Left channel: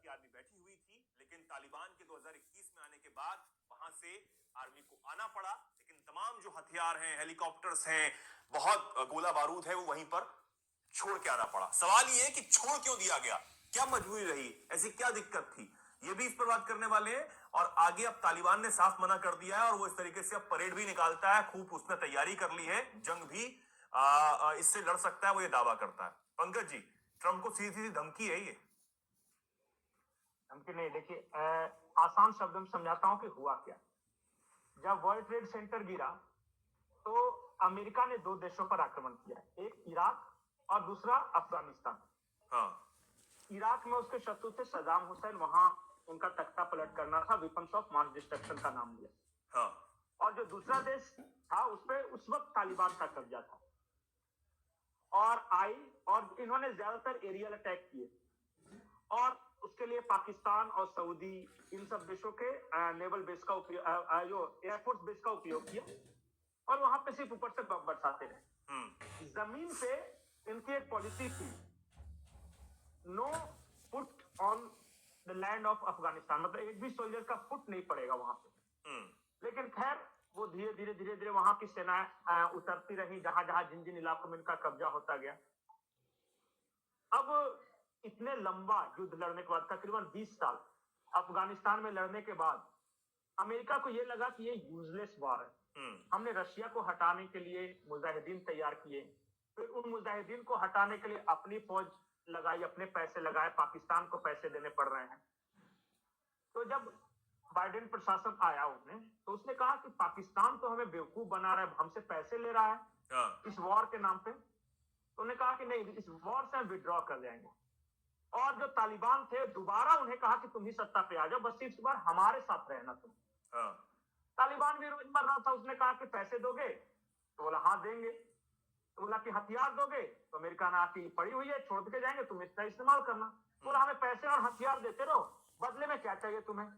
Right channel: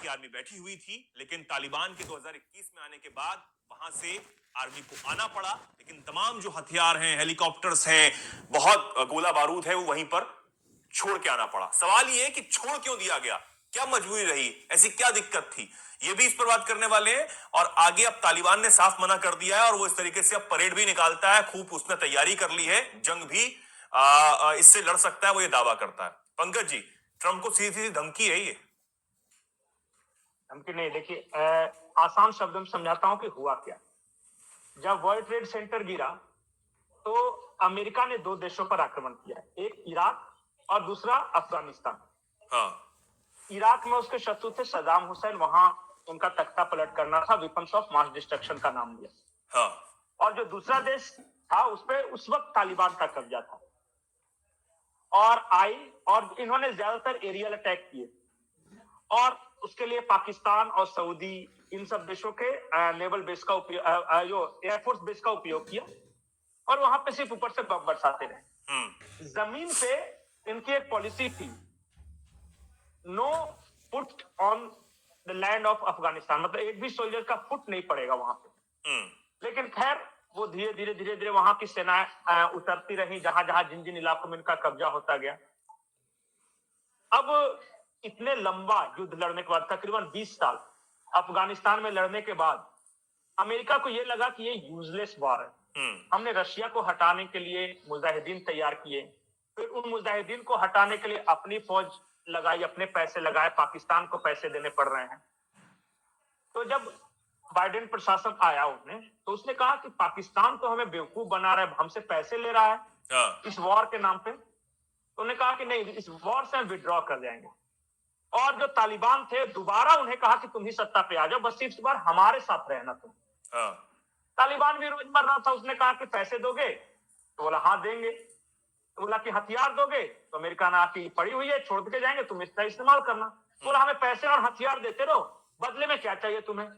की आर्मी बैठी हुई थी, लेकिन तालिबान के 2021 में आने के बाद वहां से आर्मी को आना पड़ा। लेकिन तमाम जो हथियार हैं, हेलीकॉप्टर्स हैं, बहुत गोला बारूद है, वो वहीं पर छोड़ के आना पड़ा। सवाल ये है कि छोड़ क्यों दिया गया, क्या मजबूरी रही, ऐसी क्या दिक्कत थी, ये भी इस पर बात करने वाले हैं। और आगे अब तालिबान ने साफ मना कर दिया है और वो इस तरीके से अब परेड भी निकालता है, खूब उसने तैयारी कर ली है, जंग भी इससे लड़ सकता है, वो ये दावा करता है। पंकज जी, ट्रंप को सीधी सीधी धमकी है ये? धमकी नहीं, देखिए आसान शब्दों में समझाता हूं कि हुआ क्या। जब वर्ल्ड ट्रेड सेंटर गिरा तो अमेरिका ने दो देशों पर आक्रमण किया, एक इराक और दूसरा अफगानिस्तान। हाँ। इराक में उसके शत्रु थे सद्दाम हुसैन, वहां उनका तख्ता पलट करना था, वेपन्स ऑफ मास डिस्ट्रक्शन का नाम दिया। हाँ। और जो दूसरा देश था उस पे उस वक्त तालिबान का कब्जा था और और इन्होंने ज्यादातर एरियल अटैक किए और उसके लिए पाकिस्तान और सऊदी इन सब देशों के नेवल बेस का उपयोग, जो एयरफोर्स बेस का उपयोग किया और वहां पे सिर्फ ऊपर से बम बरसाते रहे। जमीन पे इनकी एक पॉलिसी थी, no foot on the land of Afghanistan, मतलब एक भी सोल्जर का फुट नहीं पड़ेगा वहां पे। लेकिन खैर वो धीरे धीरे वहां की सेनाएं उतरती रही, जहां जहां जिन जिन इलाकों में इनका कब्जा होता गया। अब इतने लंबा युद्ध लड़ने के बाद, तकरीबन 20 साल अफगानिस्तान में लड़ने के बाद, अमेरिका को यह लगा कि ये यूजलेस वार है। हमने रशिया को हटाने के लिए मुजाहिदीन तैयार किए, फिर उन मुजाहिदीन को हटाने के लिए अपनी फौज लगाई, अपने पैसे लगाए, पाकिस्तान को पैसे देने पड़ रहे हैं। तो जब बाइडेन प्रशासन आया उन्हें, तो उसने कहा कि पाकिस्तान तो हमें बेवकूफ बना रहा है, हमसे पैसे ले रहा है इस वॉर के नाम पे। तो उन्हें कहा कि नहीं, इस वॉर से हम विड्रॉ कर जाएंगे। और जो तालिबान थे, दोबारा उन्हें कहा कि तुम ही सत्ता पे आ जाओ, बस इस बार हमारे साथ रहना तुम। तालिबान भी रोज मर रहा था, उसने कहा कि पैसे दोगे? तो बोला हाँ देंगे। तो बोला कि हथियार दोगे? तो अमेरिका ने आके पड़ी हुई है, छोड़ के जाएंगे, तुम इसका इस्तेमाल करना। बोला हमें पैसे और हथियार देते रहो, बदले में क्या चाहिए तुम्हें?